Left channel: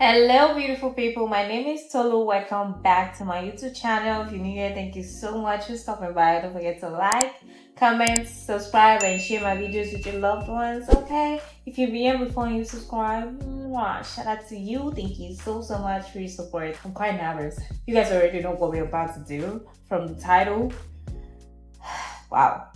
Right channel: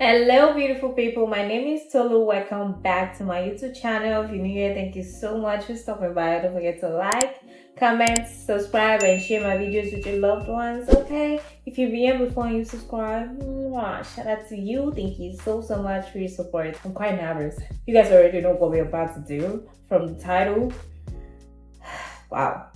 Hello, beautiful people. My name is Tolu. Welcome back to my YouTube channel. If you're new here, thank you so much for stopping by. Don't forget to like, comment, subscribe, and share my videos with your loved ones. Okay? If you've been here before and you subscribe, shout out to you. Thank you so much for your support. I'm quite nervous. You guys already know what we're about to do from the title. Wow.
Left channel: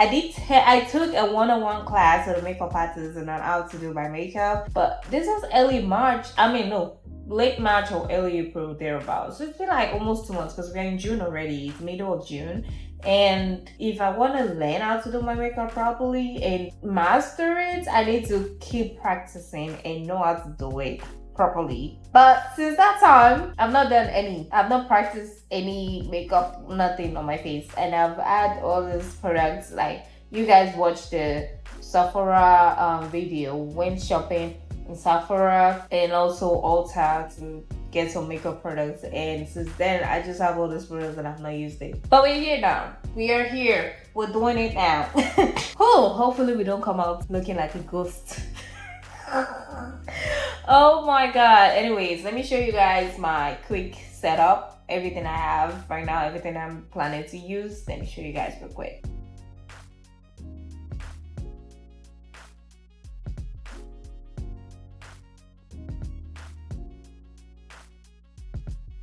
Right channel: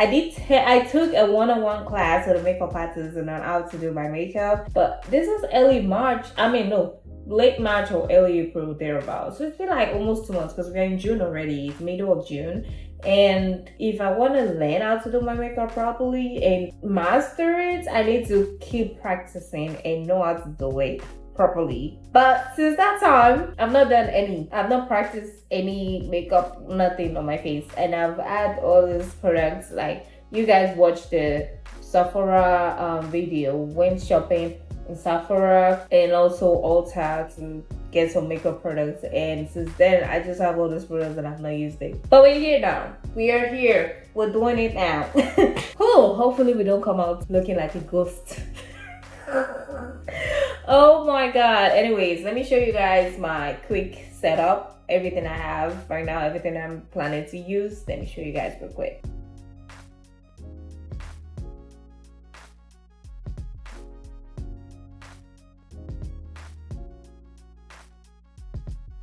I took a one-on-one class with a makeup artist on how to do my makeup, but this was early March. No, late March or early April thereabouts. So it's been like almost 2 months because we're in June already. It's middle of June. And if I want to learn how to do my makeup properly and master it, I need to keep practicing and know how to do it properly. But since that time, I've not practiced any makeup, nothing on my face. And I've had all these products, like you guys watched the Sephora video, went shopping in Sephora and also Ulta to get some makeup products, and since then I just have all those products and I've not used it. But we're here now. We are here. We're doing it now. Hopefully we don't come out looking like a ghost. Oh my god. Anyways, let me show you guys my quick setup, everything I have right now, everything I'm planning to use. Let me show you guys real quick.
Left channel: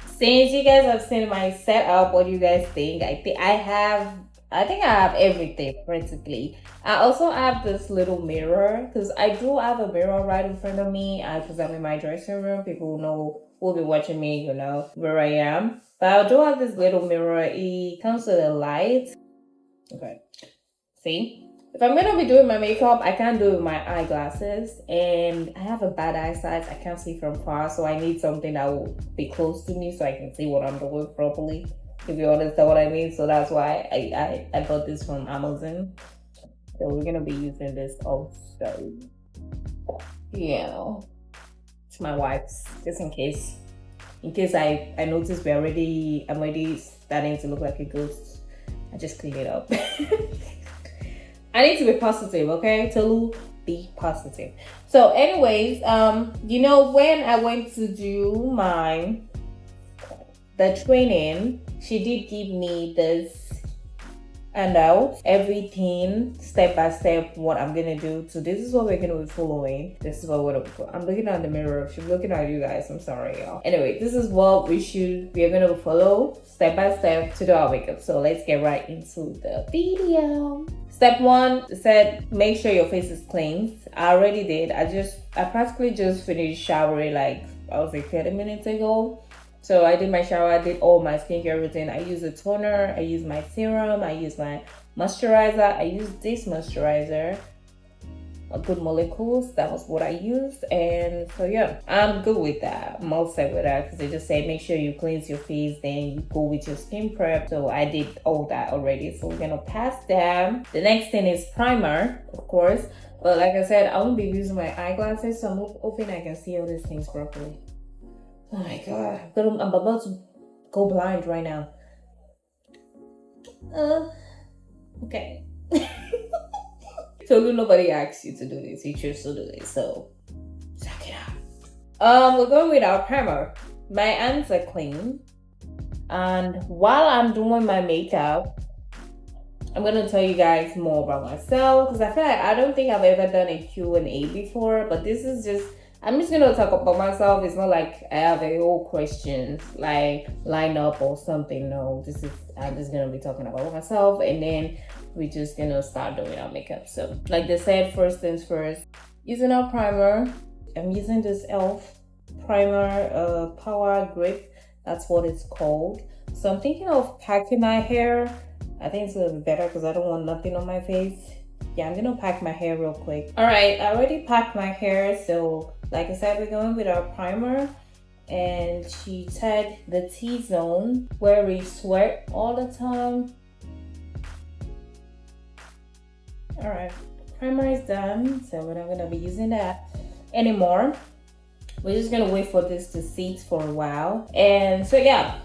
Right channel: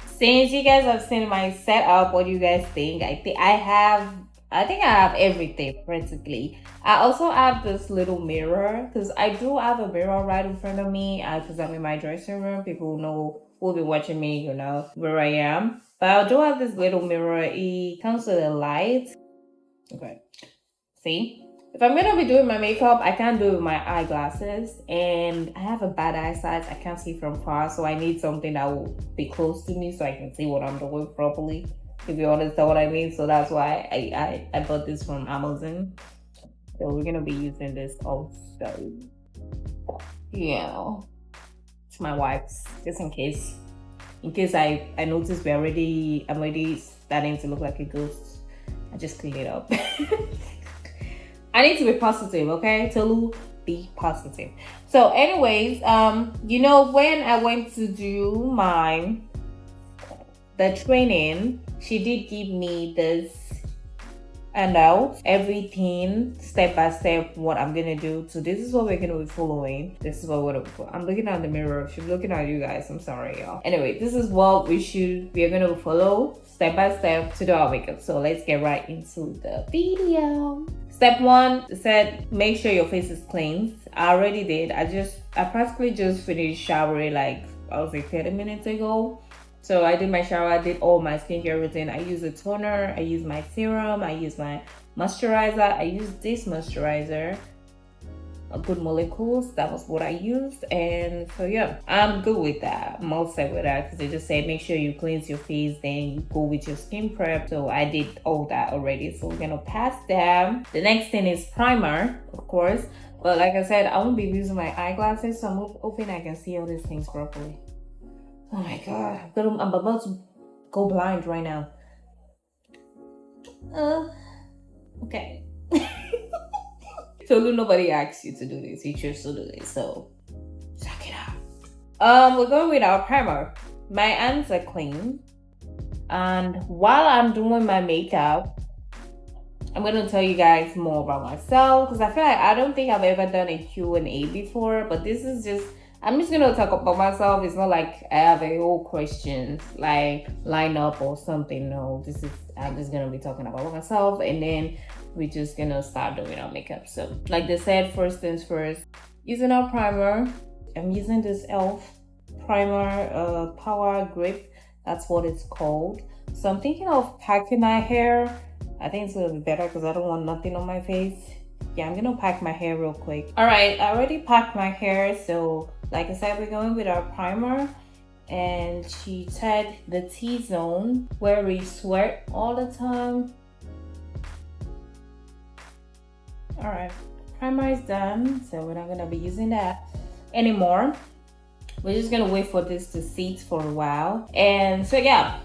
Since you guys have seen my setup, what do you guys think? I think I have everything practically. I also have this little mirror because I do have a mirror right in front of me because I'm in my dressing room. People know who'll be watching me, you know where I am. But I do have this little mirror. It comes with a light. Okay. See? If I'm gonna be doing my makeup, I can't do it with my eyeglasses, and I have a bad eyesight. I can't see from far, so I need something that will be close to me so I can see what I'm doing properly, if you understand what I mean. So that's why I bought this from Amazon. So we're gonna be using this also. Yeah, it's my wife's, just in case I notice I'm already starting to look like a ghost. I just clean it up. I need to be positive, okay? Tolu, be positive. So anyways, when I went to do the training, she did give me this handout, everything step by step, what I'm gonna do. So this is what we're gonna be following. This is what I'm looking at the mirror. She's looking at you guys. I'm sorry, y'all. Anyway, this is what we are gonna follow step by step to do our makeup. So let's get right into the video. Step 1 said make sure your face is clean. I already did. I practically just finished showering like I was like 30 minutes ago. So I did my shower, I did all my skincare routine. I use a toner, I use my serum, I use my moisturizer. I use this moisturizer, a Good Molecules. That was what I used. And so yeah, I'm good with that. I'm all set with that because they just say make sure you cleanse your face, then you go with your skin prep. So I did all that already. So we're gonna pass that. The next thing is primer, of course. But like I said, I won't be using my eyeglasses, so I'm hoping I can see all these things properly. Oh my god, I'm about to go blind right now. Okay. So nobody asks you to do this, you choose to do this, so suck it up. We're going with our primer. My hands are clean, and while I'm doing my makeup, I'm gonna tell you guys more about myself because I feel like I don't think I've ever done a Q&A before, but this is just, I'm just gonna talk about myself. It's not like I have a whole questions like line up or something. No, I'm just gonna be talking about myself, and then we're just gonna start doing our makeup. So like they said, first things first, using our primer. I'm using this e.l.f. primer, Power Grip. That's what it's called. So I'm thinking of packing my hair. I think it's gonna be better because I don't want nothing on my face. Yeah, I'm gonna pack my hair real quick. All right, I already packed my hair. So like I said, we're going with our primer, and she said the T-zone where we sweat all the time. All right, primer is done, so we're not gonna be using that anymore. We're just gonna wait for this to sit for a while. And so yeah,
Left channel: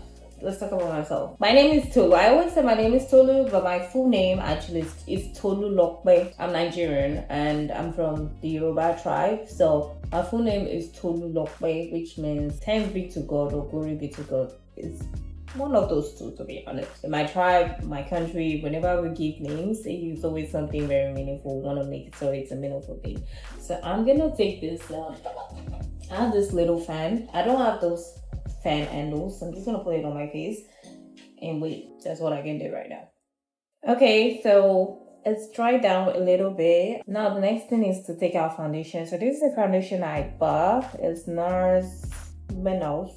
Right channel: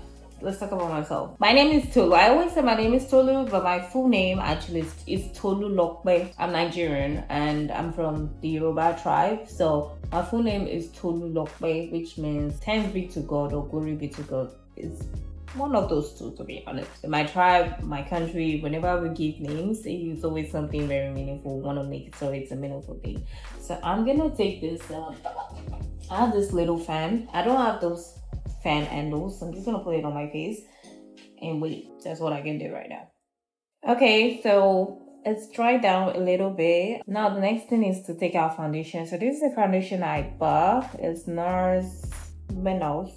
let's talk about myself. My name is Tolu. I always say my name is Tolu, but my full name actually is Tolu Lokbe. I'm Nigerian and I'm from the Yoruba tribe. So My full name is Tolu Lokpe, which means thanks be to God or glory be to God. It's one of those two, to be honest. In my tribe, my country, whenever we give names, it's always something very meaningful. We want to make it so it's a meaningful thing. So I'm gonna take this. I have this little fan. I don't have those fan handles. So I'm just gonna put it on my face and wait. That's what I can do right now. Okay, so it's dried down a little bit. Now the next thing is to take out foundation. So this is the foundation I bought. It's NARS Minos.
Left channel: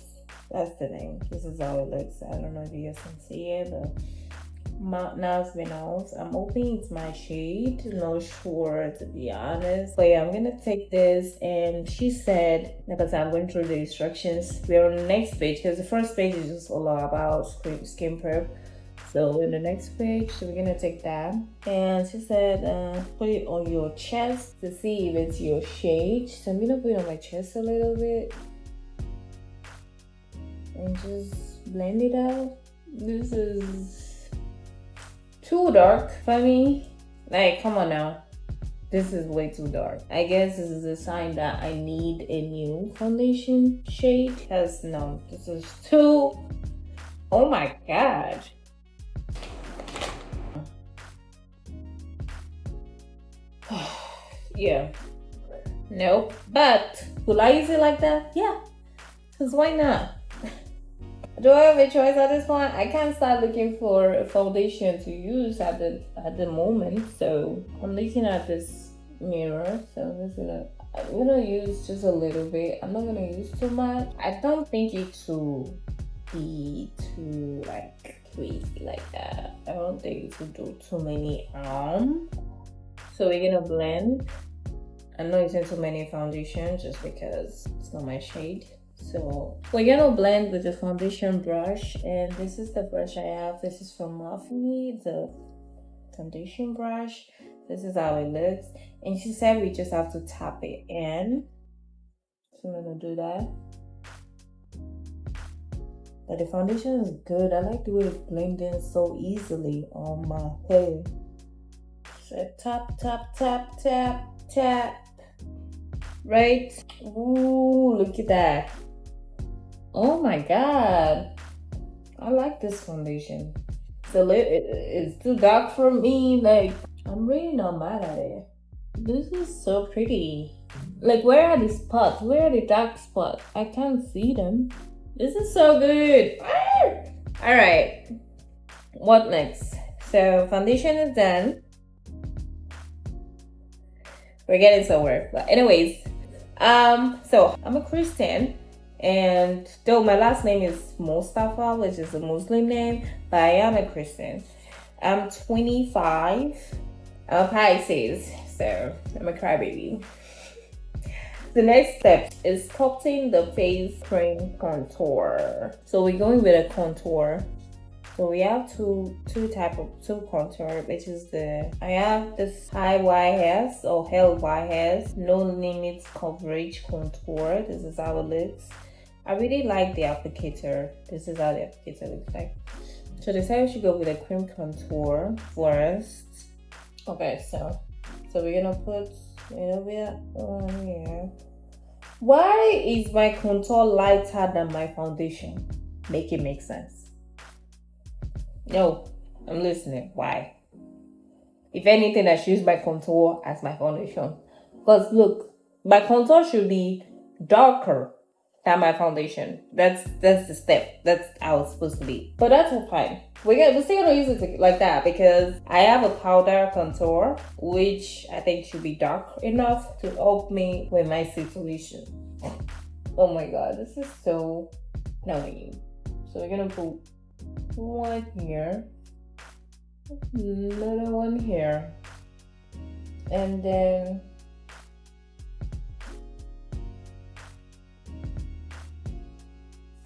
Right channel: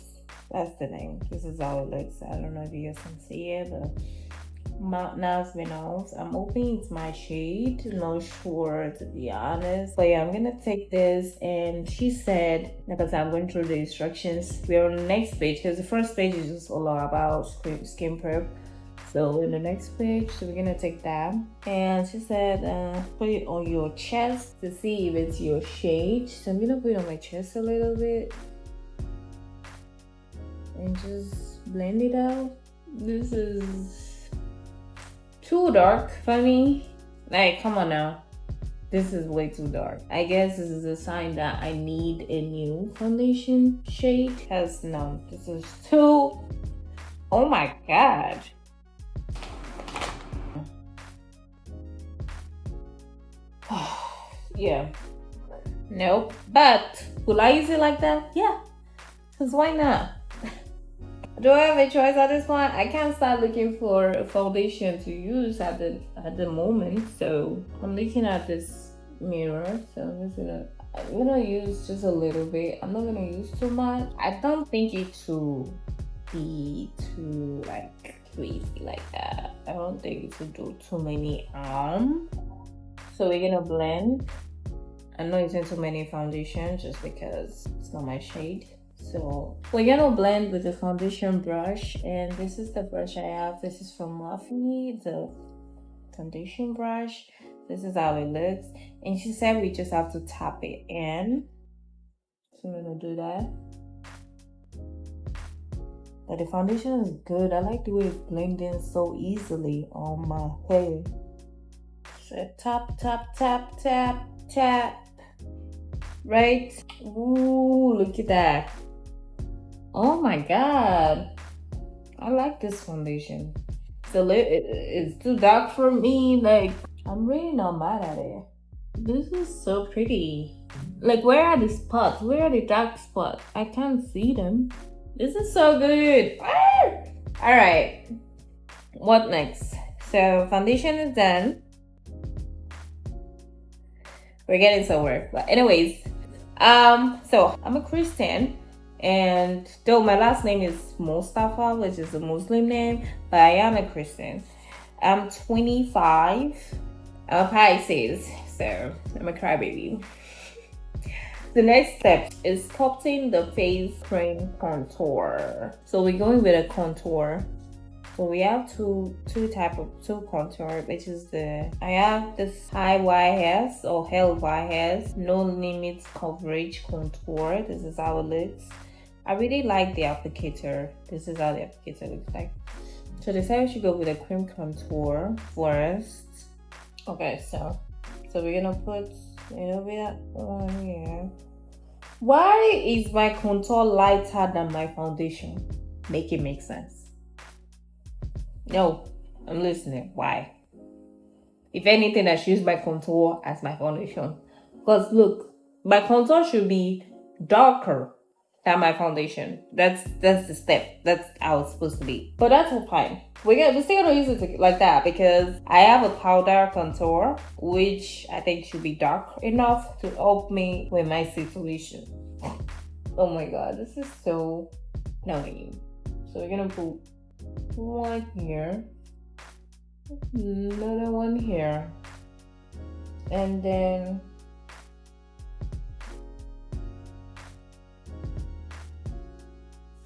That's the name. This is how it looks. I don't know if you guys can see it, but NARS Minos. I'm hoping it's my shade. Not sure, to be honest. But yeah, I'm gonna take this, and she said, because I'm going through the instructions, we're on the next page because the first page is just all about skin prep. So in the next page, so we're gonna take that, and she said put it on your chest to see if it's your shade. So I'm gonna put it on my chest a little bit and just blend it out. This is too dark for me. Like, come on now, this is way too dark. I guess this is a sign that I need a new foundation shade, because no, this is too, oh my god. Yeah, nope. But will I use it like that? Yeah, because why not? Do I have a choice at this point? I can't start looking for a foundation to use at the moment. So I'm looking at this mirror. So I'm gonna use just a little bit. I'm not gonna use too much. I don't think it to be too like crazy like that. I don't think it should do too many So we're gonna blend. I'm not using too many foundation just because it's not my shade. So we're gonna blend with the foundation brush, and this is the brush I have. This is from Morphe, the foundation brush. This is how it looks, and she said we just have to tap it in. So I'm gonna do that. But the foundation is good. I like the way it's blending so easily on my hair. So tap, tap, tap, tap, tap. Right? Ooh, look at that. Oh my god. I like this foundation. So it's too dark for me. Like, I'm really not mad at it. This is so pretty. Like, where are the spots? Where are the dark spots? I can't see them. This is so good. All right. What next? So foundation is done. We're getting somewhere. But anyways, so I'm a Christian, and though my last name is Mustafa, which is a Muslim name, but I am a Christian. I'm 25. I'm Pisces, so I'm a crybaby. The next step is sculpting the face cream contour. So we're going with a contour. So we have two contour, which is I have this high YS or LYS, no limits coverage contour. This is how it looks. I really like the applicator. This is how the applicator looks like. So they say we should go with a cream contour first. Okay, so we're gonna put a little bit on here. Why is my contour lighter than my foundation? Make it make sense. No, I'm listening. Why? If anything, I should use my contour as my foundation. Because look, my contour should be darker than my foundation. That's the step. That's how it's supposed to be. But that's fine. We're still gonna use it like that because I have a powder contour, which I think should be dark enough to help me with my situation. Oh my god, this is so annoying. So we're gonna put one here, another one here, and then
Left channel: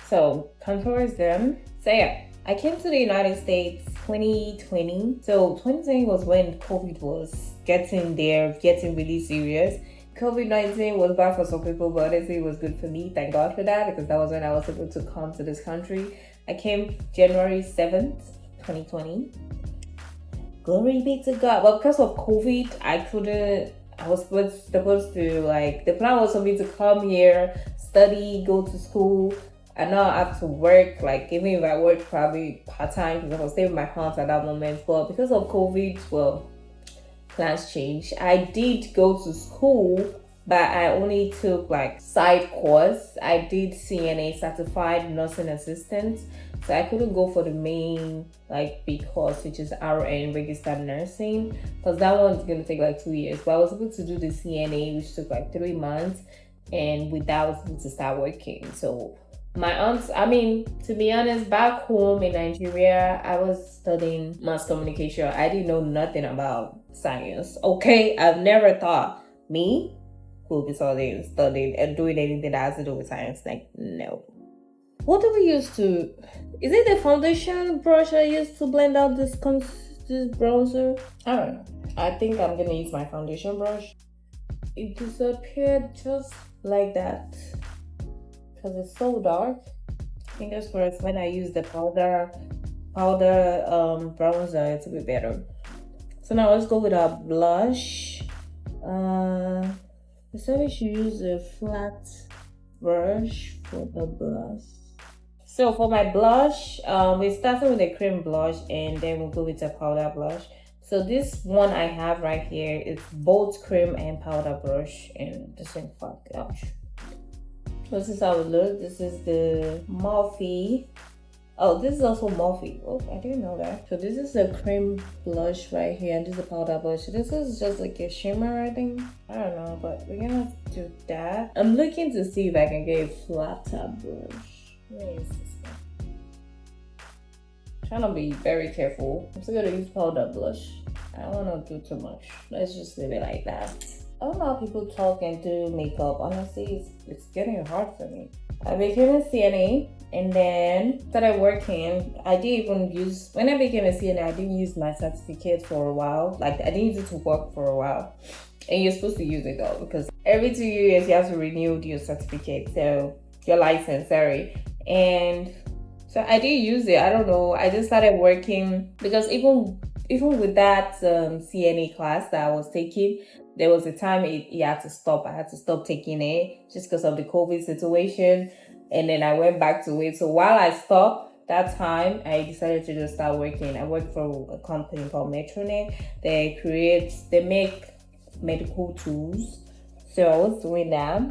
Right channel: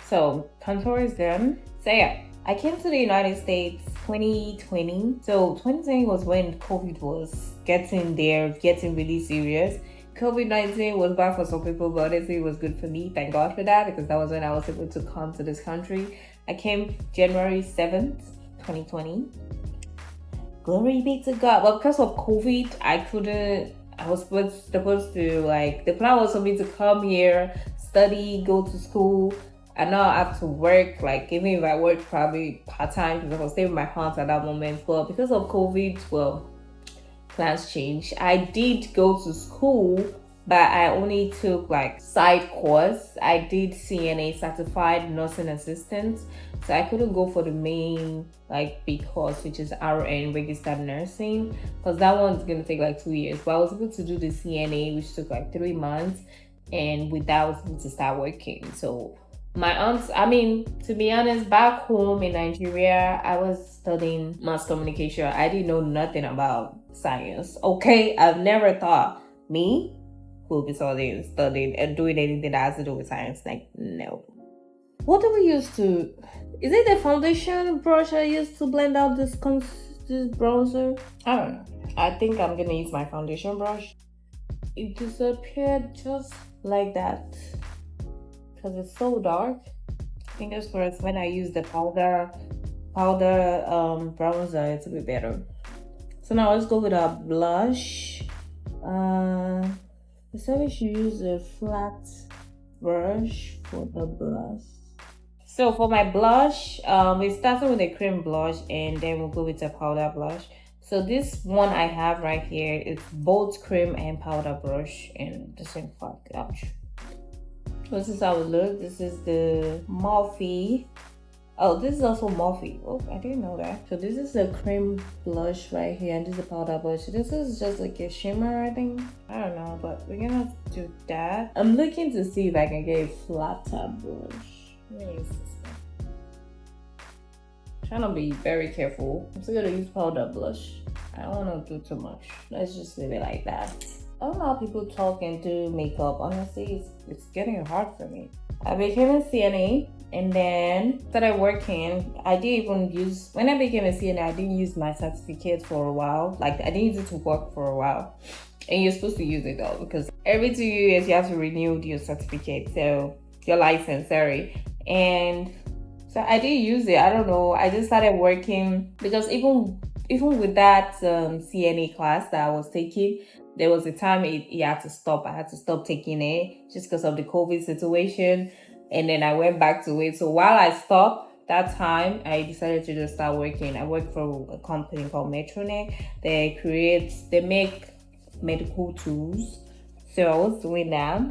so contour is done. So yeah, I came to the United States 2020. So 2020 was when COVID was getting really serious. COVID-19 was bad for some people, but honestly it was good for me. Thank God for that, because that was when I was able to come to this country. I came January 7th, 2020. Glory be to God. Well, because of COVID, I couldn't I was supposed to, like, the plan was for me to come here, study, go to school, and now I have to work, like, even if I work probably part-time, because I was staying with my parents at that moment. But because of COVID, well, plans changed. I did go to school, but I only took like side course. I did CNA, certified nursing assistant, so I couldn't go for the main like big course, which is RN, registered nursing, because that one's gonna take like 2 years. But I was able to do the CNA, which took like 3 months, and with that I was able to start working. So my aunts, I mean, to be honest, back home in Nigeria, I was studying mass communication. I didn't know nothing about science. Okay, I've never thought me will be studying and doing anything that has to do with science. Like, no. What do we use to? Is it the foundation brush I used to blend out this bronzer? I don't know. I think I'm gonna use my foundation brush. It disappeared just like that because it's so dark. Fingers crossed when I use the powder bronzer, it's a bit better. So now let's go with our blush. They said we should use a flat brush for the blush. So for my blush, we started with a cream blush and then we'll go with a powder blush. So this one I have right here, it's both cream and powder brush and the same fuck. Ouch. This is how it looks. This is the Morphe. Oh, this is also Morphe. Oh, I didn't know that. So this is the cream blush right here, and this is the powder blush. This is just like a shimmer, I think. I don't know, but we're gonna do that. I'm looking to see if I can get a flatter brush. Where is this one? Trying to be very careful. I'm still gonna use powder blush. I don't wanna do too much. Let's just leave it like that. I don't know how people talk and do makeup. Honestly, it's getting hard for me. I became a CNA and then started working. I didn't even use, when I became a CNA, I didn't use my certificate for a while. Like, I didn't use it to work for a while. And you're supposed to use it though, because every 2 years you have to renew your certificate. So, your license, sorry. And so I didn't use it. I don't know. I just started working because even with that CNA class that I was taking, there was a time it had to stop. I had to stop taking it just because of the COVID situation. And then I went back to it. So while I stopped that time, I decided to just start working. I worked for a company called Metronic. They make medical tools. So I was doing that,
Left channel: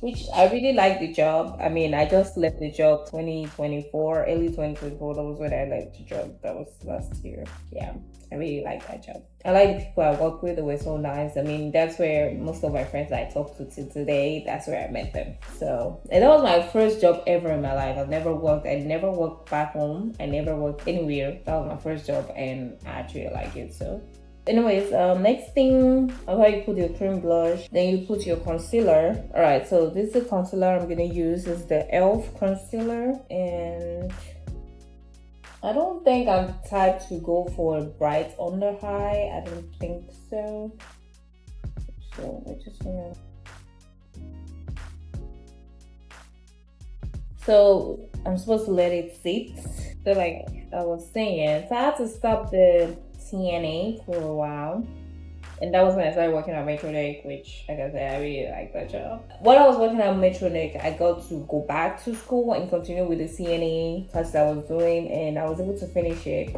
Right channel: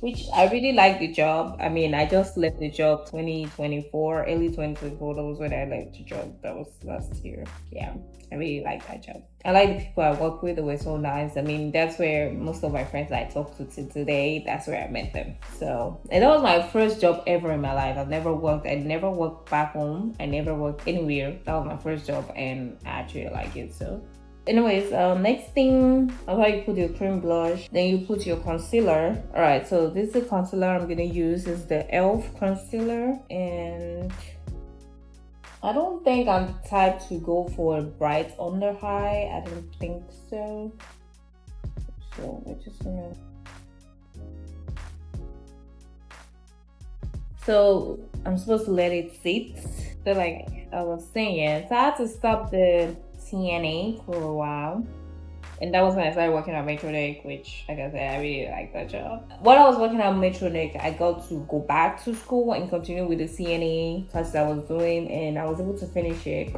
which I really liked the job. I mean, I just left the job 2024, early 2024. That was when I left the job. That was last year. Yeah, I really like that job. I like the people I work with. They were so nice. I mean, that's where most of my friends I talk to till today, that's where I met them. So, and that was my first job ever in my life. I never worked back home. I never worked anywhere. That was my first job and I actually like it. So anyways, next thing, after you put your cream blush, then you put your concealer. All right, so this is the concealer I'm gonna use. Is the e.l.f. concealer, and I don't think I'm the type to go for a bright under eye. I don't think so. So we're just gonna. So I'm supposed to let it sit. So like I was saying, so I had to stop the CNA for a while, and that was when I started working at Metronic, which, like I said, I really like that job. While I was working at Metronic, I got to go back to school and continue with the CNA class I was doing, and I was able to finish it,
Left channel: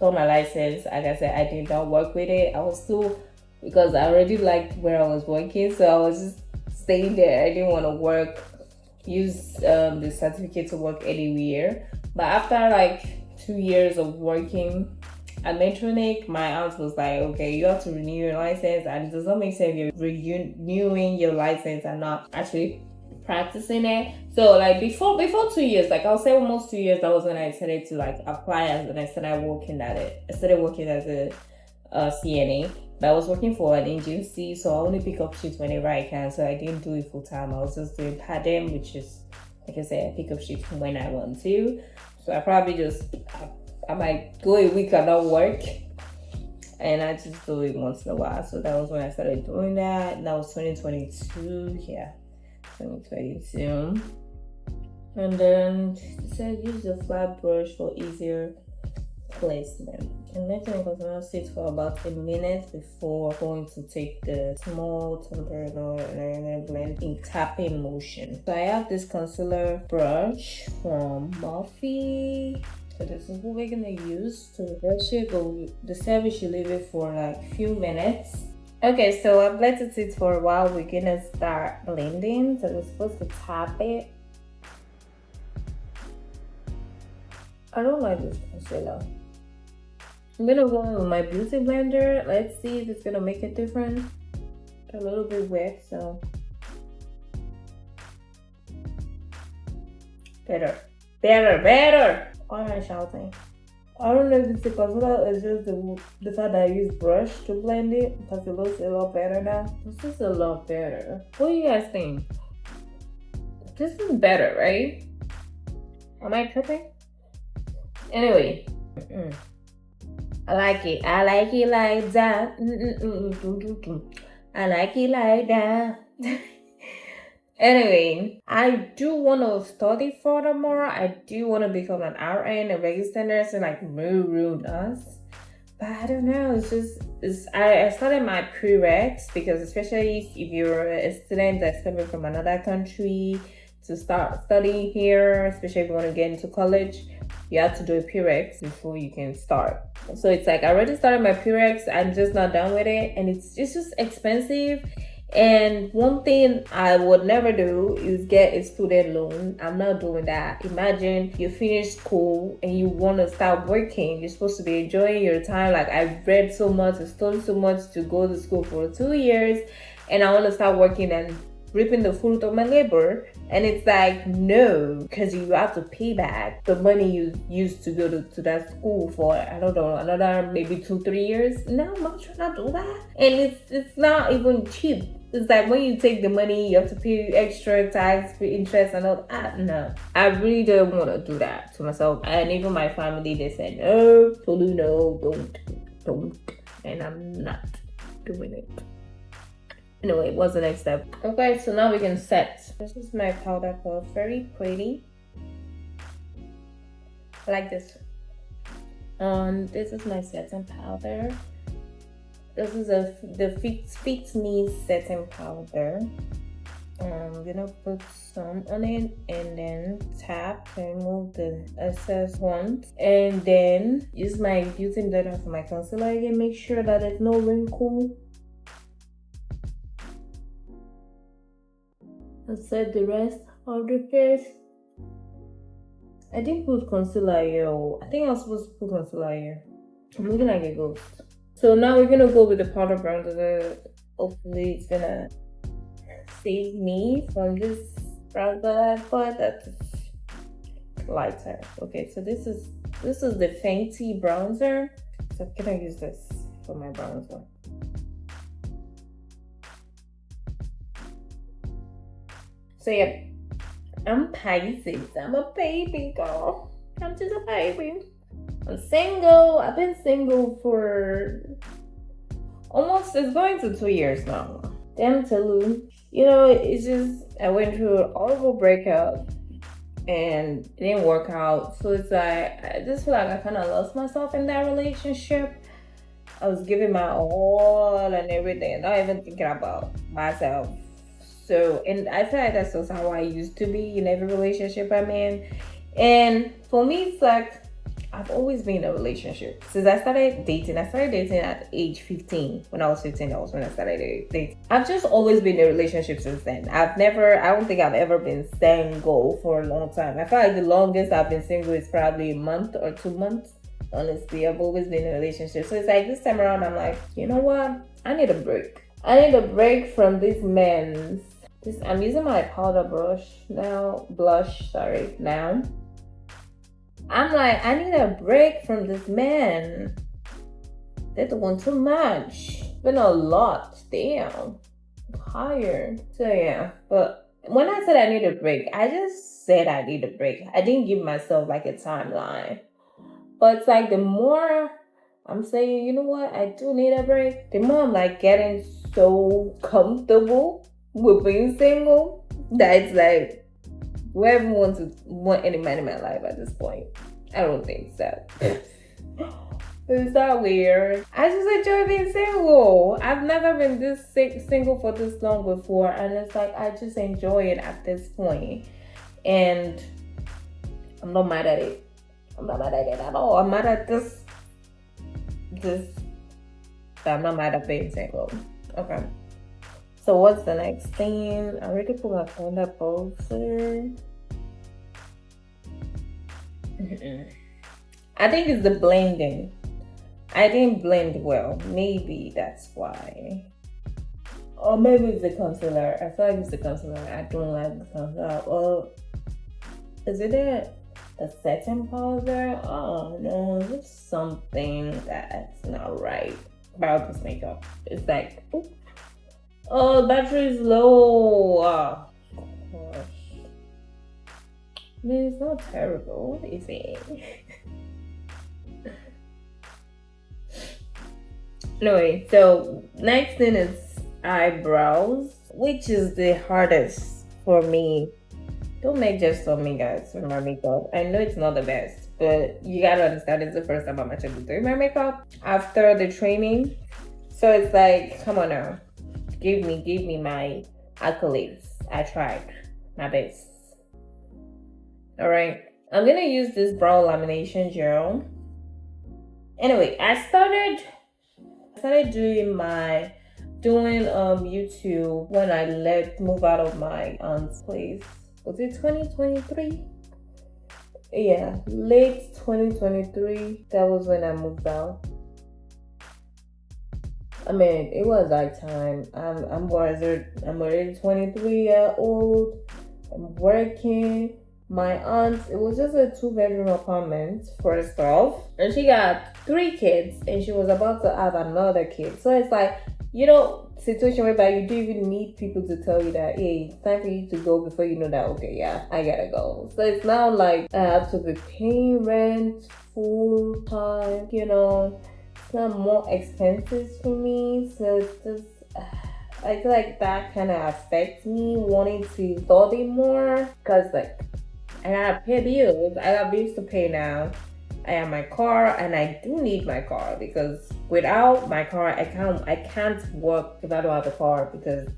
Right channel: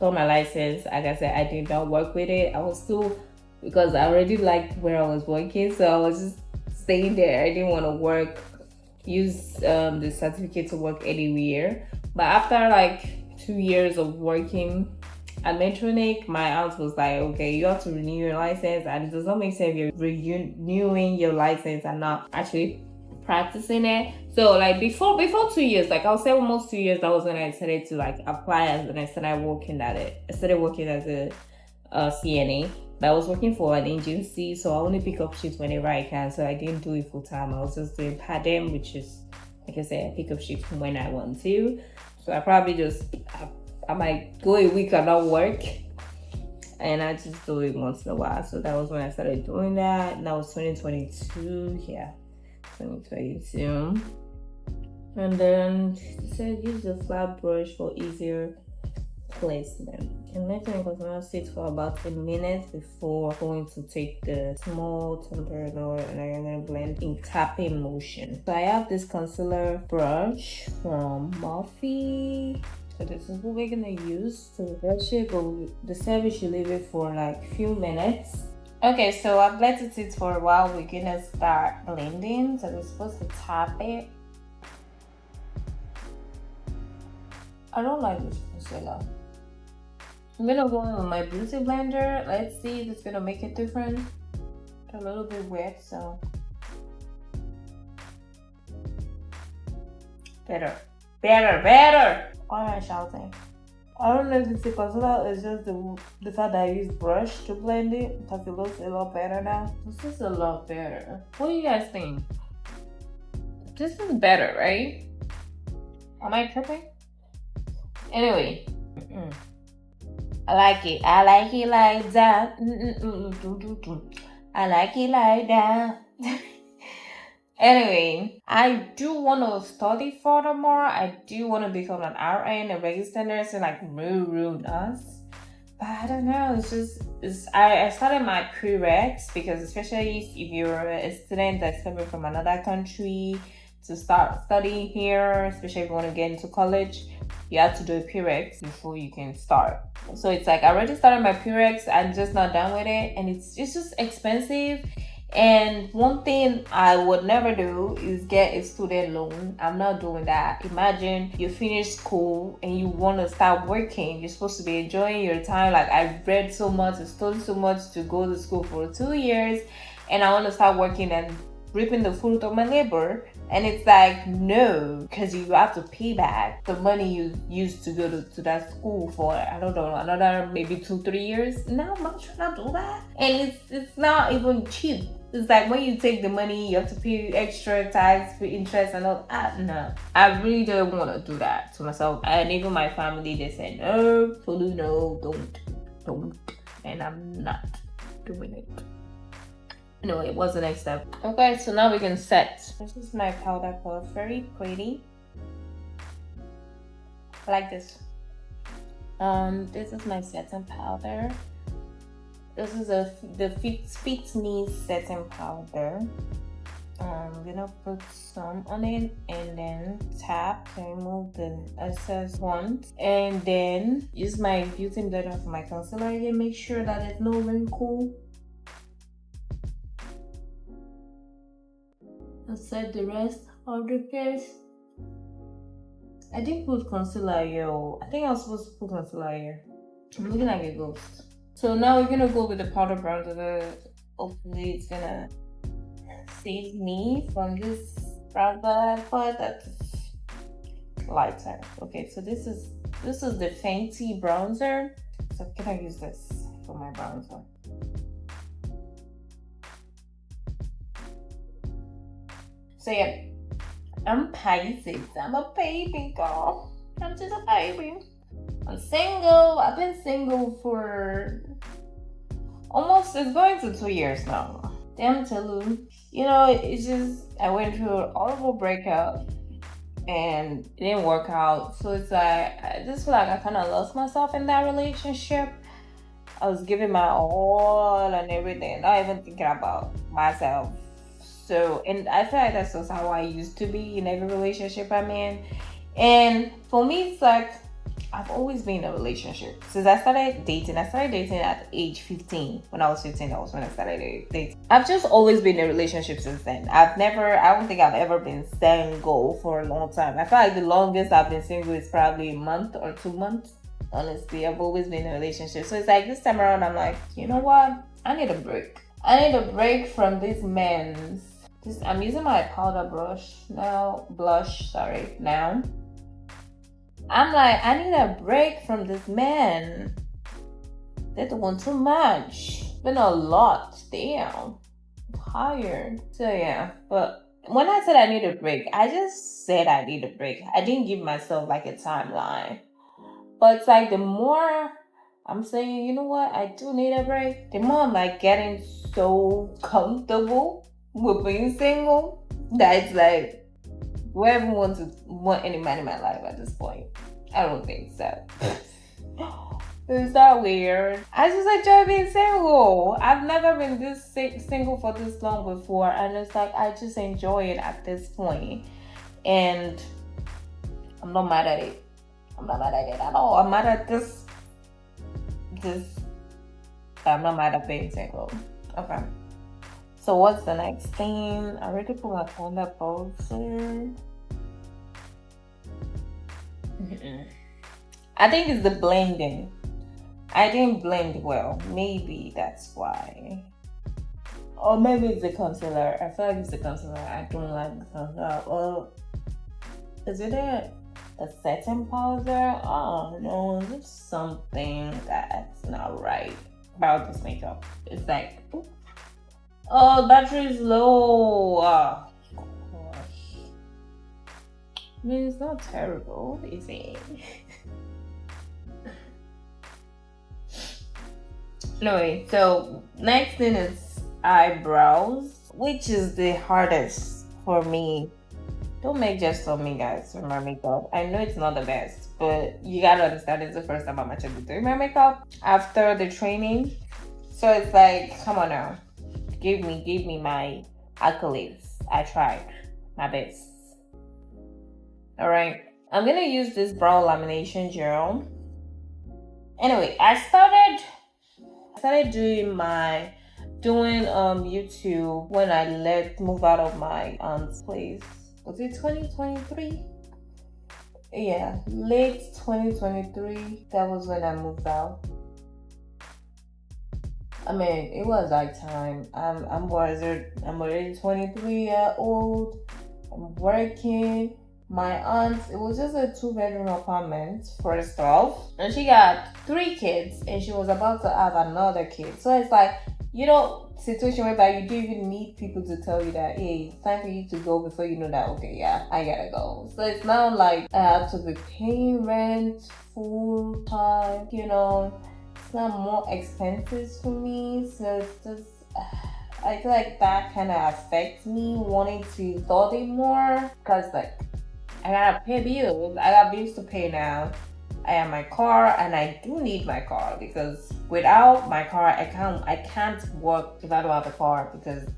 got my license. Like I said, I did not work with it. I was still, because I already liked where I was working, so I was just staying there. I didn't want to use the certificate to work anywhere. But after like 2 years of working at Metronic, my aunt was like, okay, you have to renew your license, and it does not make sense if you're renewing your license and not actually practicing it. So like before 2 years, like I'll say almost 2 years, that was when I decided to like apply, and I started working at it. I started working as a CNA, but I was working for an agency, so I only pick up shifts whenever I can. So I didn't do it full time. I was just doing per diem, which is, like I said, I pick up shifts when I want to. So I probably just I might go a week and not work, and I just do it once in a while. So that was when I started doing that, and that was 2022. Yeah, 2022. And then it said use the flat brush for easier place them. And letting the concealer sit for about a minute before going to take the small temperature and I'm gonna blend in tapping motion. So I have this concealer brush from Morphe. So this is what we're gonna use to brush it, but the service should leave it for like a few minutes. Okay, so I've blended it for a while. We're gonna start blending. So we're supposed to tap it. I don't like this concealer. I'm gonna go in with my beauty blender. Let's see if it's gonna make a difference. A little bit wet, so better. Why am I shouting? I don't know if it's the concealer, it's just the fact that I use brush to blend it because it looks a lot better now. This is a lot better. What do you guys think? This is better, right? Am I tripping? Anyway, I like it. I like it like that. I like it like that. Anyway, I do want to study furthermore. I do want to become an RN, a registered nurse, and like real nurse. But I don't know. I started my prereqs because especially if you're a student that's coming from another country to start studying here, especially if you want to get into college, you have to do a prereqs before you can start. So it's like I already started my prereqs. I'm just not done with it, and it's just expensive. And one thing I would never do is get a student loan. I'm not doing that. Imagine you finish school and you want to start working. You're supposed to be enjoying your time. Like I read so much, I studied so much to go to school for 2 years, and I want to start working and reaping the fruit of my labor. And it's like, no, because you have to pay back the money you used to go to that school for, I don't know, another maybe 2-3 years. No, I'm not trying to do that. And it's not even cheap. It's like when you take the money, you have to pay extra tax, pay interest and all that. No, I really don't want to do that to myself. And even my family, they said, no, Tolu, no, don't. And I'm not doing it. Anyway, what's the next step? Okay, so now we can set. This is my powder coat, very pretty. I like this. This is my setting powder. This is the Fit Me setting powder. I'm gonna put some on it and then tap to remove the excess ones, and then use my beauty blender for my concealer again. Make sure that there's no wrinkle. And set the rest of the face. I didn't put concealer here. I think I was supposed to put concealer here. I'm looking like a ghost. So now we're gonna go with the powder bronzer. Hopefully it's gonna save me from this bronzer, but that's lighter. Okay, so this is the Fenty bronzer. So I'm gonna use this for my bronzer. So yeah, I'm Pisces. I'm a baby girl. I'm just a baby. I'm single. I've been single for almost, it's going to 2 years now. Damn Tolu. You know, it's just, I went through a horrible breakup and it didn't work out. So it's like, I just feel like I kind of lost myself in that relationship. I was giving my all and everything, not even thinking about myself. So, and I feel like that's just how I used to be in every relationship I'm in. And for me, it's like, I've always been in a relationship. Since I started dating at age 15. When I was 15, that was when I started dating. I've just always been in a relationship since then. I don't think I've ever been single for a long time. I feel like the longest I've been single is probably a month or 2 months. Honestly, I've always been in a relationship. So it's like this time around, I'm like, you know what? I need a break. I need a break from these men. I'm using my powder blush now. I'm like, I need a break from this man. They're doing too much. Been a lot. Damn. I'm tired. So yeah, but when I said I need a break, I just said I need a break. I didn't give myself like a timeline. But it's like the more I'm saying, you know what, I do need a break, the more I'm like getting so comfortable with being single that it's like, do I even want any man in my life at this point? I don't think so. Is that weird? I just enjoy being single. I've never been this single for this long before, and it's like I just enjoy it at this point. And I'm not mad at it. I'm not mad at it at all. I'm mad at this. I'm not mad at being single. Okay. So what's the next thing? I already put my phone up also. I think it's the blending. I didn't blend well. Maybe that's why. Or maybe it's the concealer. I feel like it's the concealer. I don't like the concealer. Or is it a setting powder? Oh no, there's something that's not right about this makeup. It's like, oh, battery is low. Oh, gosh. I mean, it's not terrible, is it? Anyway, so next thing is eyebrows, which is the hardest for me. Don't make just on me, guys, for my makeup. I know it's not the best, but you gotta understand it's the first time I'm actually doing my makeup after the training. So it's like, come on now, give me my accolades. I tried my best. All right, I'm gonna use this brow lamination gel. Anyway, I started doing YouTube when I move out of my aunt's place. Was it 2023? Yeah, late 2023. That was when I moved out. I mean, it was like time. I'm already 23-year old. I'm working. My aunt, it was just a 2-bedroom apartment, first off, and she got 3 kids, and she was about to have another kid. So it's like, situation whereby you don't even need people to tell you that, hey, it's time for you to go before you know that, okay, yeah, I gotta go. So it's not like I have to be paying rent full time, it's not more expenses for me. So it's just, I feel like that kind of affects me wanting to study more, because like, I gotta pay bills. I got bills to pay now. I have my car, and I do need my car, because without my car, I can't work if I don't have a car, because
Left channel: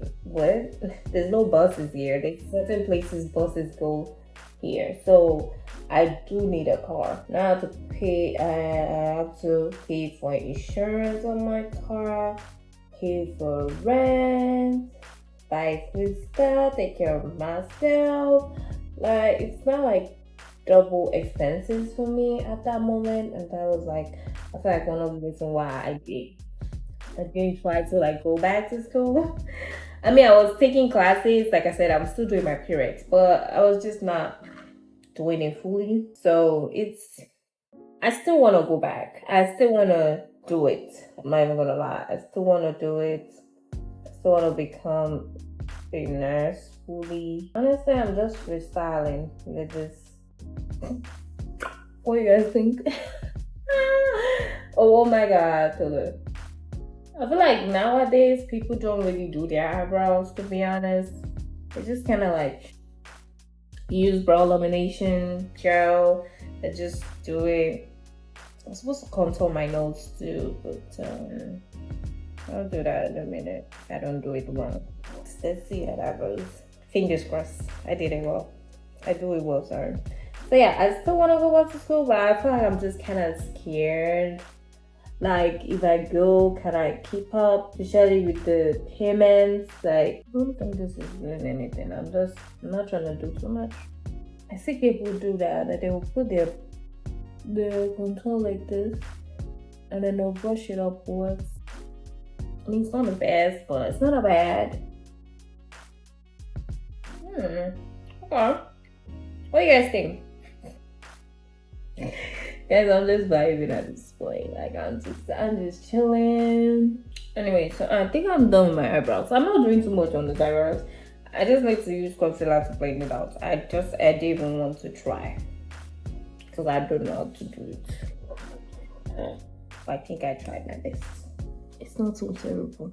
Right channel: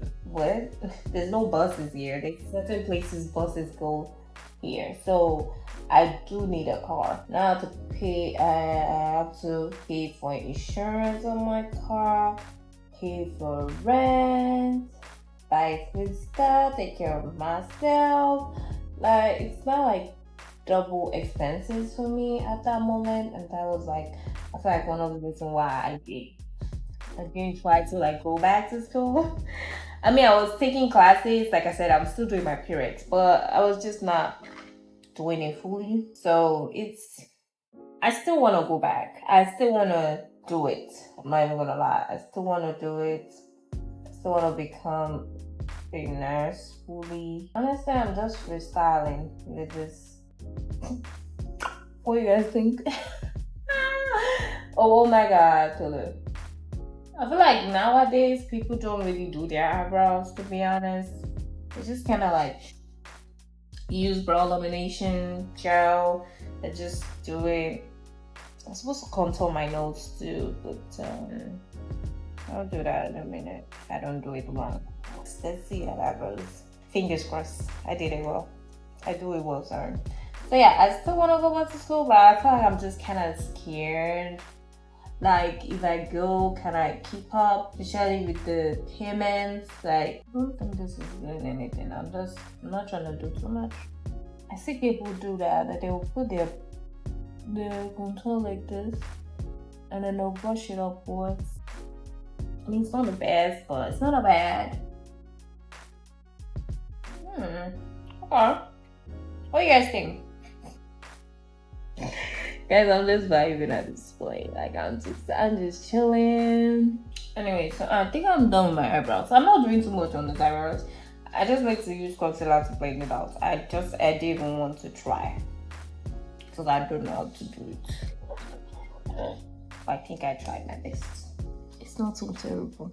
there's no buses here. There's certain places buses go here, so I do need a car. Now I have to pay. I have to pay for insurance on my car, pay for rent, buy food stuff, take care of myself. Like, it's not like double expenses for me at that moment, and that was like, I feel like one of the reasons why I didn't try to like go back to school. I mean, I was taking classes, like I said, I'm still doing my period, but I was just not doing it fully. So I still want to go back. I still want to do it. I'm not even gonna lie. I still want to do it. I still want to become a nurse fully. Honestly, I'm just freestyling with this. What do you guys think? Oh my god, Tolu. I feel like nowadays people don't really do their eyebrows, to be honest. They just kind of like use brow lamination gel and just do it. I'm supposed to contour my nose too, but I'll do that in a minute if I don't do it wrong. Let's see how that goes. Fingers crossed. I did it well. I do it well, sorry. So yeah, I still want to go back to school, but I feel like I'm just kind of scared. Like, if I go, can I keep up? Especially with the payments. Like, I don't think this is doing anything. I'm not trying to do too much. I see people do that they will put their contour like this, and then they'll brush it upwards. I mean, it's not the best, but it's not a bad. Okay. What do you guys think? Guys, I'm just vibing at this point. Like, I'm just chilling. Anyway, so I think I'm done with my eyebrows. I'm not doing too much on the eyebrows. I just like to use concealer to blend it out. I didn't even want to try, because I don't know how to do it. I think I tried my best. It's not so terrible.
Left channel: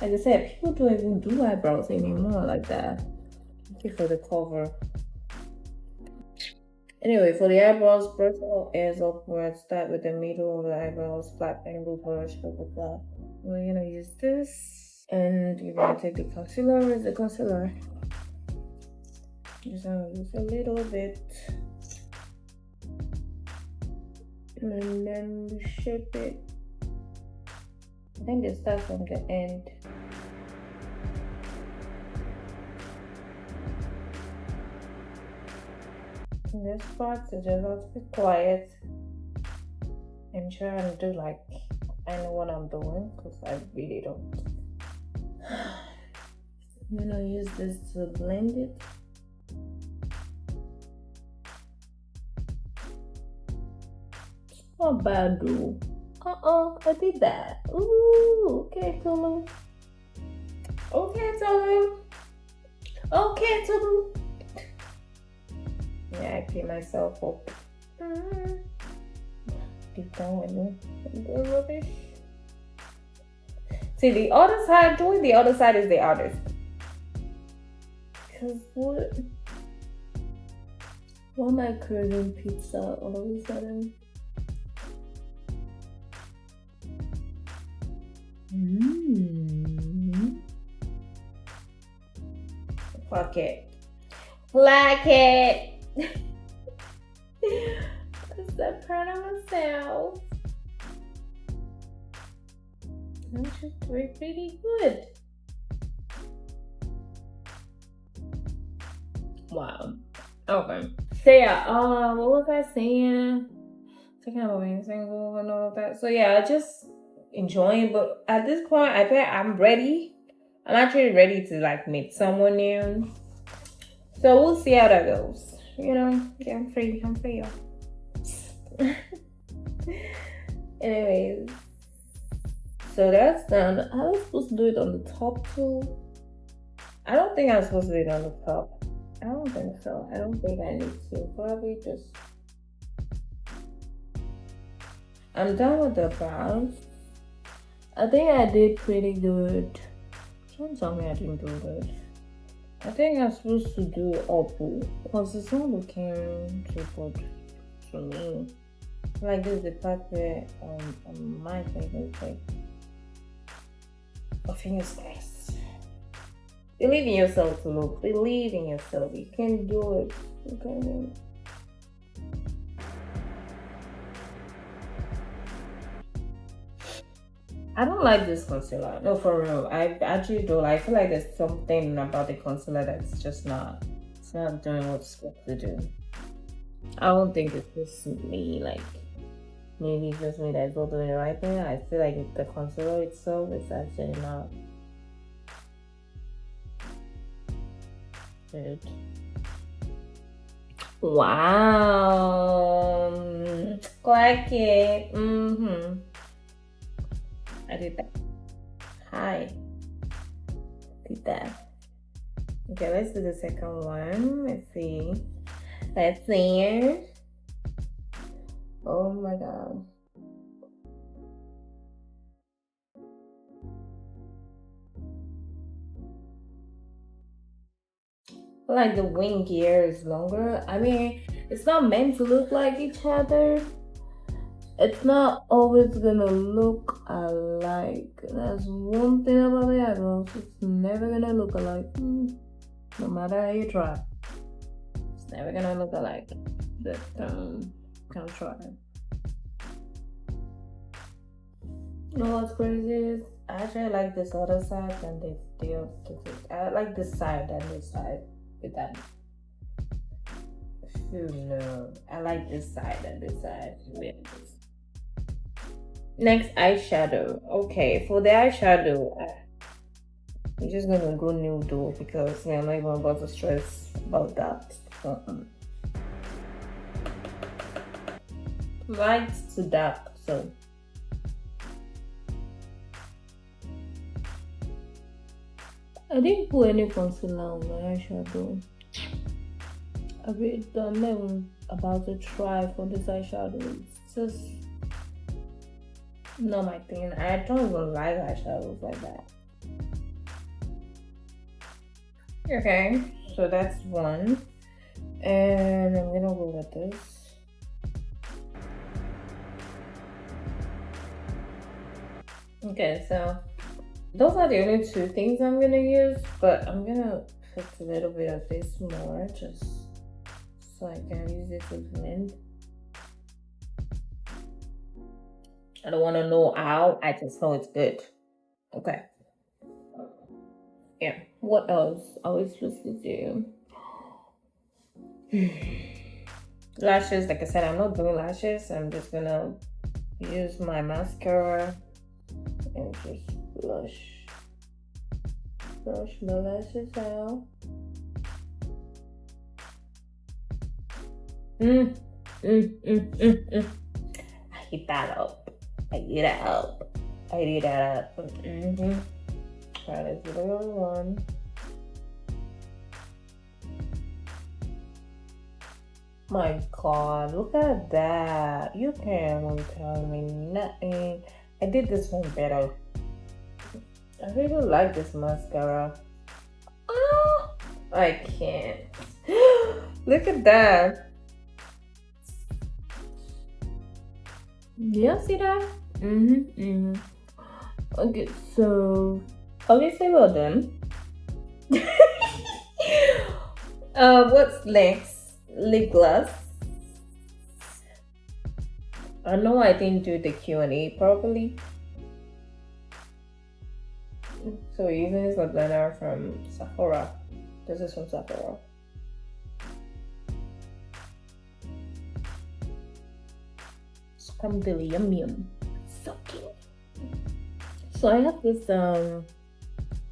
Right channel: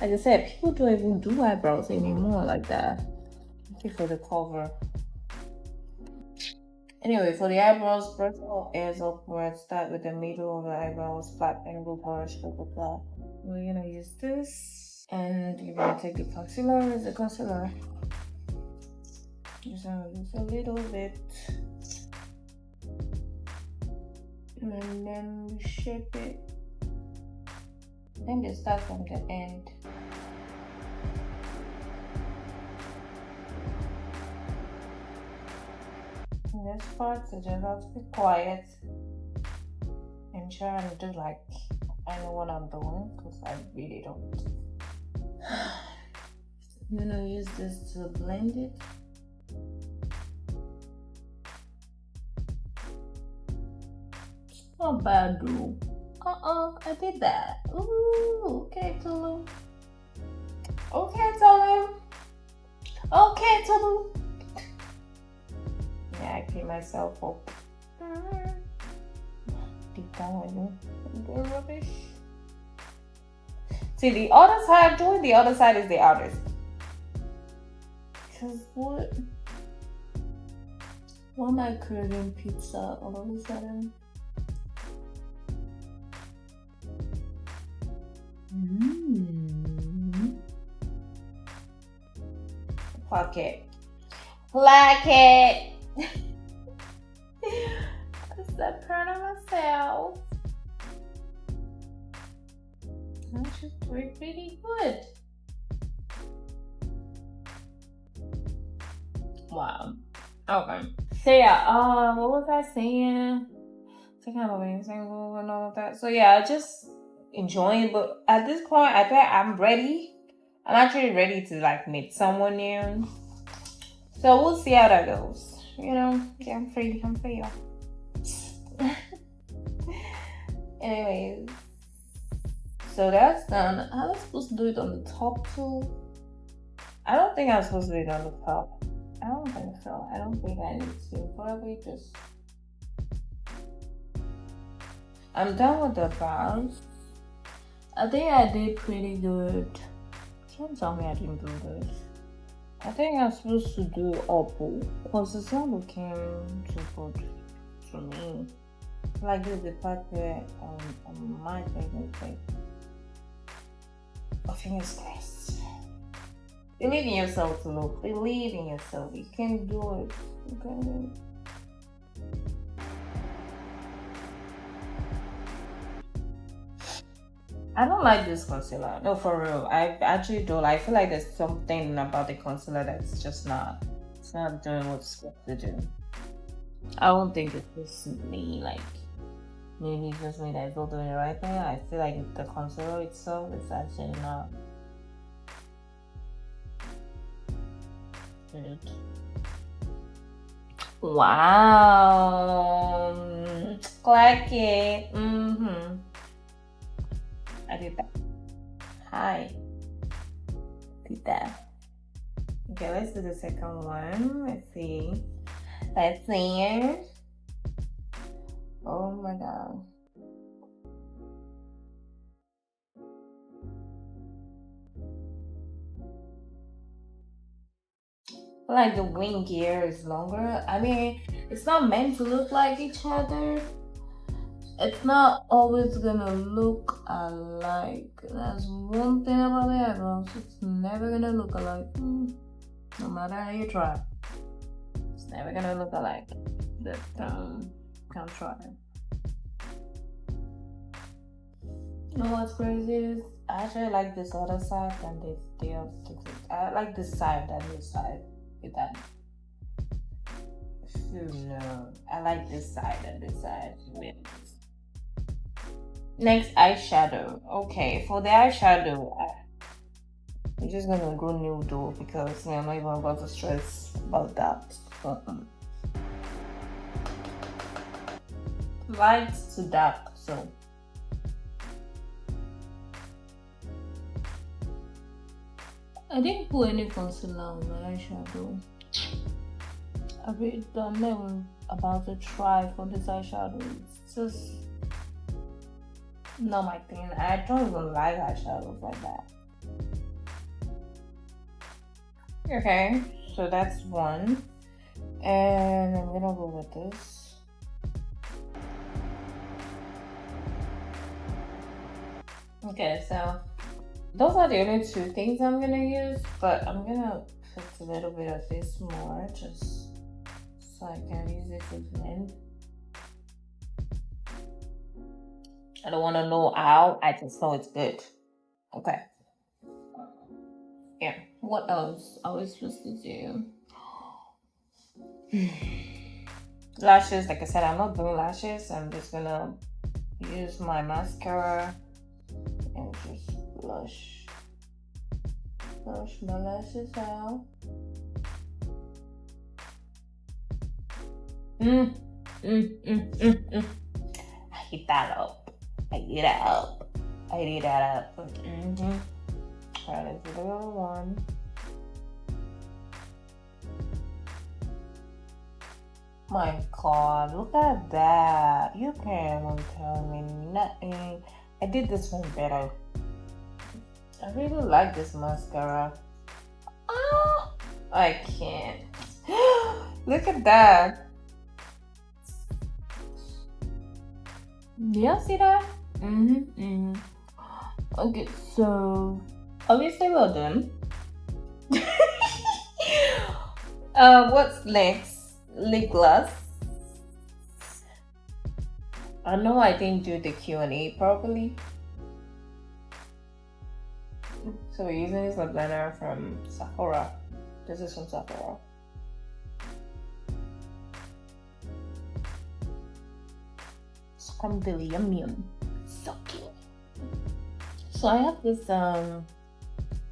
Like I said, people don't even do eyebrows anymore like that. Thank you for the cover. Anyway, for the eyebrows, brush all airs upwards. Start with the middle of the eyebrows, flat angle brush, blah blah blah. We're gonna use this, and you're gonna take the concealer. Where's the concealer? Just gonna use a little bit, and then shape it. I think it starts from the end. In this part, so just have to be quiet and try and do like I know what I'm doing, because I really don't. I'm gonna use this to blend it. Not bad though. I did that. Ooh, okay, Tulu. Okay, Tulu. Okay, Tulu. Yeah, I keep myself up. Deep down when I'm doing rubbish. See, the other side, doing the other side is the hardest. Because what am I craving pizza all of a sudden? Fuck it. Like it. I'm so proud of myself. I'm just doing pretty good. Wow. Okay. So yeah, what was I saying? Talking about being single and all of that. So yeah, just enjoying. But at this point, I think I'm ready. I'm actually ready to like meet someone new. So we'll see how that goes. You know, yeah, I'm free, y'all. Anyways, so that's done. I was supposed to do it on the top too. I don't think I'm supposed to do it on the top. I don't think so. I don't think I need to. Probably just. I'm done with the brows. I think I did pretty good. Don't tell me I didn't do good. I think I'm supposed to do upper because it's not looking too good to me. Like this, the part where my thing is like, fingers crossed. Believe in yourself, Tulu. Believe in yourself. You can do it. You can do it. I don't like this concealer. No, for real. I actually don't. I feel like there's something about the concealer that's just not. It's not doing what it's supposed to do. I don't think it's just me. Like maybe it's just me that's not doing the right thing. I feel like the concealer itself is actually not good. Wow. Like it. I did that. Hi. Did that. Okay, let's do the second one. Let's see. Let's see. Oh my god. Like the wing gear is longer. I mean, it's not meant to look like each other. It's not always gonna look alike. That's one thing about the eyebrows. It's never gonna look alike. No matter how you try. It's never gonna look alike. But can't try. You know what's crazy is I actually like this other side than the other. I like this side than this side. With that. No, I like this side and this side. Next, eyeshadow. Okay, for the eyeshadow, I'm just gonna go nude though because I'm not even about to stress about that. Light to dark, so. I didn't put any concealer on my eyeshadow. I'm not even about to try for this eyeshadow. It's just not my thing. I don't even like eyeshadows like that. Okay, so that's one. And I'm gonna go with this. Okay, so those are the only two things I'm gonna use, but I'm gonna put a little bit of this more just so I can use it to blend. I don't want to know how, I just know it's good. Okay. Yeah. What else are we supposed to do? Lashes, like I said, I'm not doing lashes. I'm just gonna use my mascara and just brush my lashes out. I heat that up. I heat that up. I heat that up. Alright, let's do the other one. My God, look at that. You can't even tell me nothing. I did this one better. I really like this mascara. Oh, I can't. Look at that. Do y'all see that? Okay, so obviously we're done. What's next? Lip gloss. I know I didn't do the Q&A properly. So we're using this lip liner from Sephora. This is from Sephora. Scrumbly yum yum. So cute. So I have this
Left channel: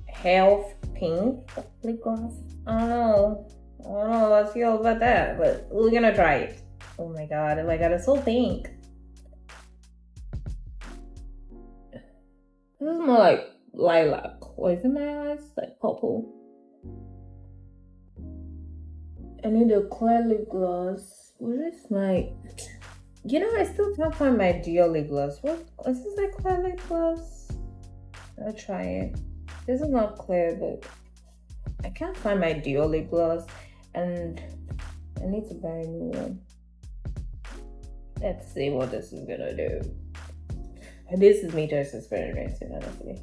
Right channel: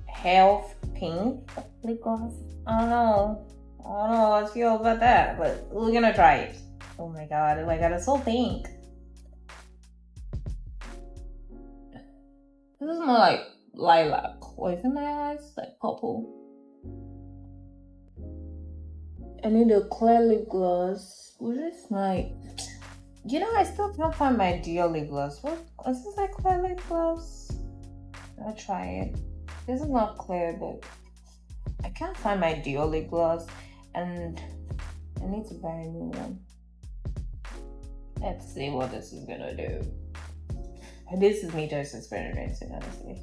health pink lip gloss. I don't know how I feel about that, but we're gonna try it. Oh my god, it's so pink. This is more like lilac. Wait, in my eyes, like purple. I need a clear lip gloss. What is my... I still can't find my Dior lip gloss. What is this, like clear lip gloss? I'll try it. This is not clear, but I can't find my Dior lip gloss, and I need to buy a new one. Let's see what this is gonna do. This is me just experimenting, honestly.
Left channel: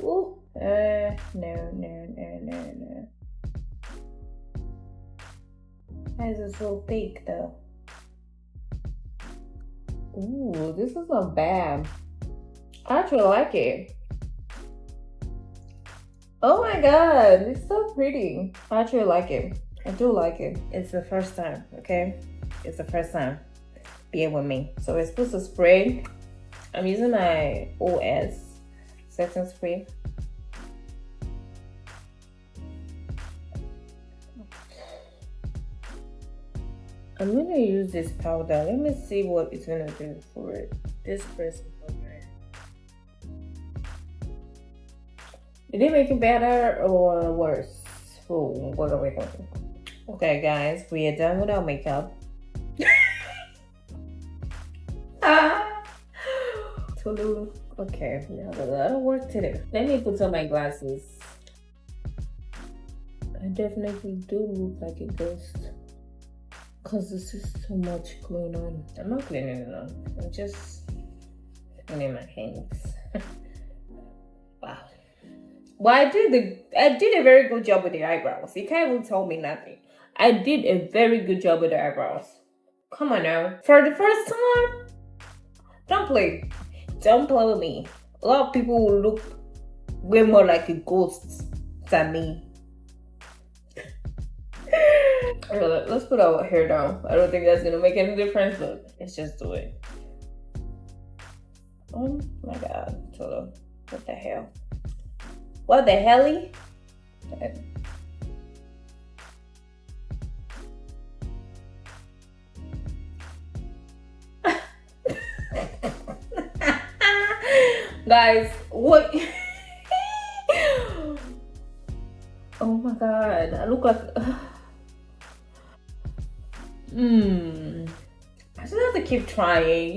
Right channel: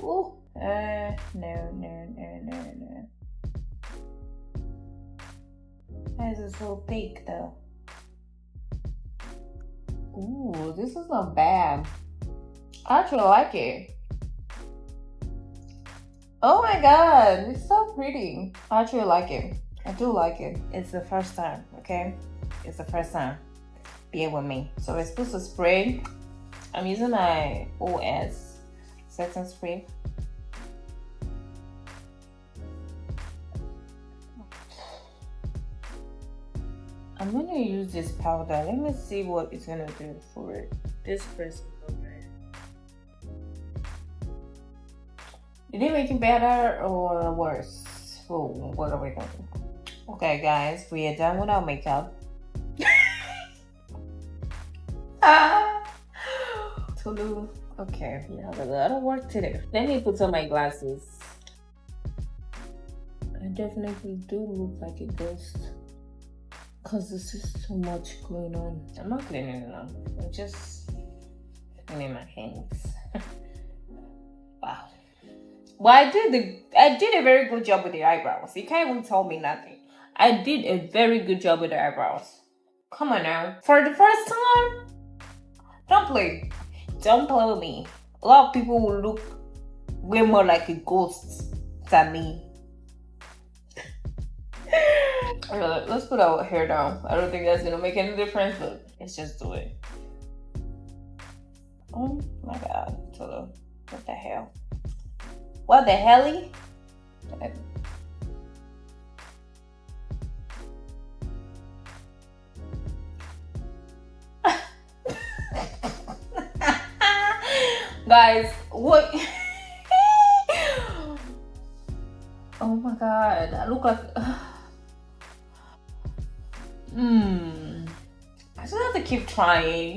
Ooh, no. Why is it so thick though? Ooh, this is not bad. I actually like it. Oh my god, it's so pretty. I actually like it. I do like it. It's the first time, okay? It's the first time. Bear with me. So we're supposed to spray. I'm using my OS setting spray. I'm gonna use this powder. Let me see what it's gonna do for it. This pressing powder. Did it make it better or worse? Oh, what are we doing? Okay, guys, we are done with our makeup. Tolu. Okay, we have a lot of work to do. Let me put on my glasses. I definitely do look like a ghost. Because this is so much going on. I'm not cleaning it up. I'm just cleaning my hands. Wow. Well, I did a very good job with the eyebrows. You can't even tell me nothing. I did a very good job with the eyebrows. Come on now. For the first time, don't play. Don't play with me. A lot of people will look way more like a ghost than me. Let's put our hair down. I don't think that's gonna make any difference, but let's just do it. Oh my god, Toto. What the hell? What the helly? Guys, what? Oh my god, I look like... I just have to keep trying,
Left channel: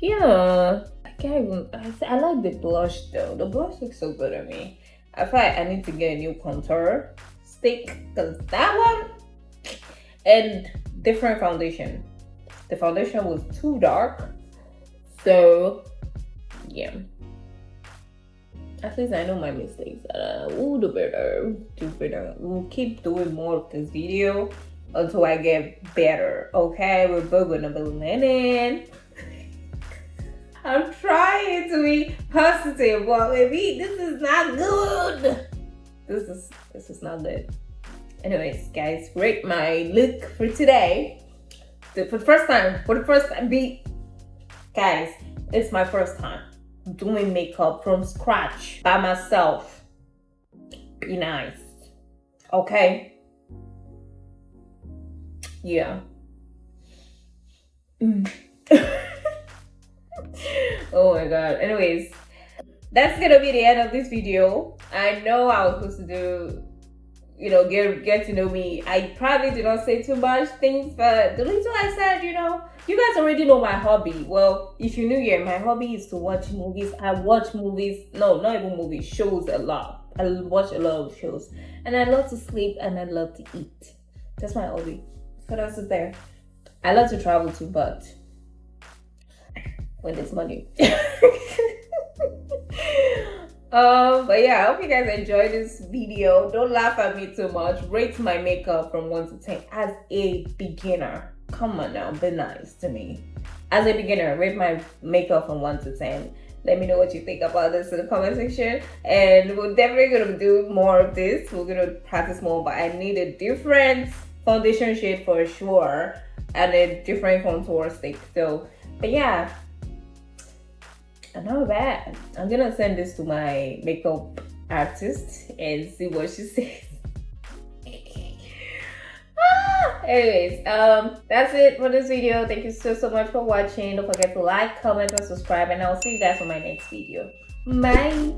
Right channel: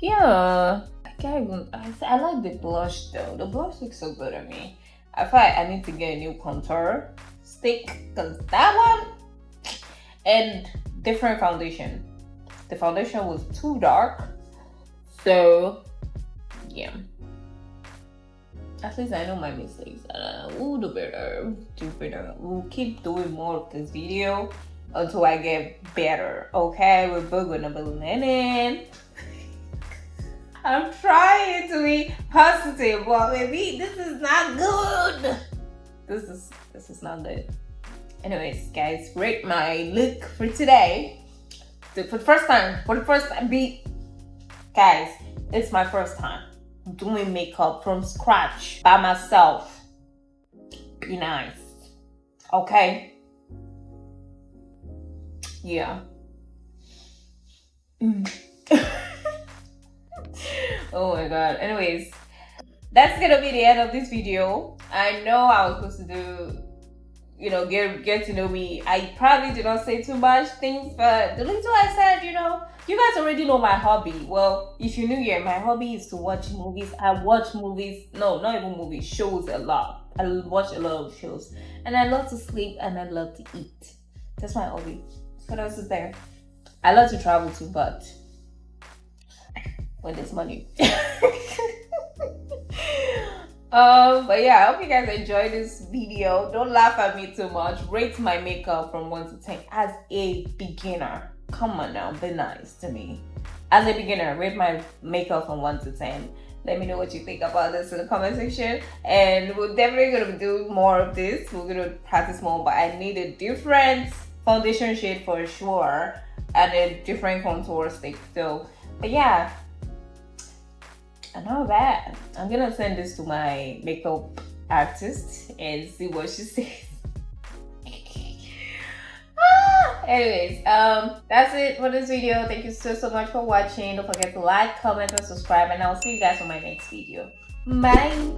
Yeah. I can't even... I like the blush though. The blush looks so good on me. I feel like I need to get a new contour stick, because that one, and different foundation. The foundation was too dark, so yeah. At least I know my mistakes. We'll do better. We'll keep doing more of this video until I get better. Okay, we're both gonna be learning. I'm trying to be positive, but maybe this is not good. This is not good. Anyways, guys, rate my look for today. For the first time, guys, it's my first time doing makeup from scratch by myself. Be nice, okay? Yeah. Oh my god. Anyways, that's gonna be the end of this video. I know I was supposed to do, get to know me. I probably did not say too much things, but the little I said, you guys already know my hobby. Well, if you're new here, my hobby is to watch movies. I watch movies, no, not even movies, shows a lot. I watch a lot of shows. And I love to sleep and I love to eat. That's my hobby. What else is there? I love to travel too, but when there's money. But yeah, I hope you guys enjoyed this video. Don't laugh at me too much. Rate my makeup from 1 to 10 as a beginner. Come on now, be nice to me. As a beginner, rate my makeup from 1 to 10. Let me know what you think about this in the comment section. And we're definitely gonna do more of this. We're gonna practice more, but I need a different foundation shade for sure and a different contour stick. So, but yeah. Not bad. I'm gonna send this to my makeup artist and see what she says. Anyways, that's it for this video. Thank you so much for watching. Don't forget to like, comment, and subscribe, and I'll see you guys on my next video. Bye.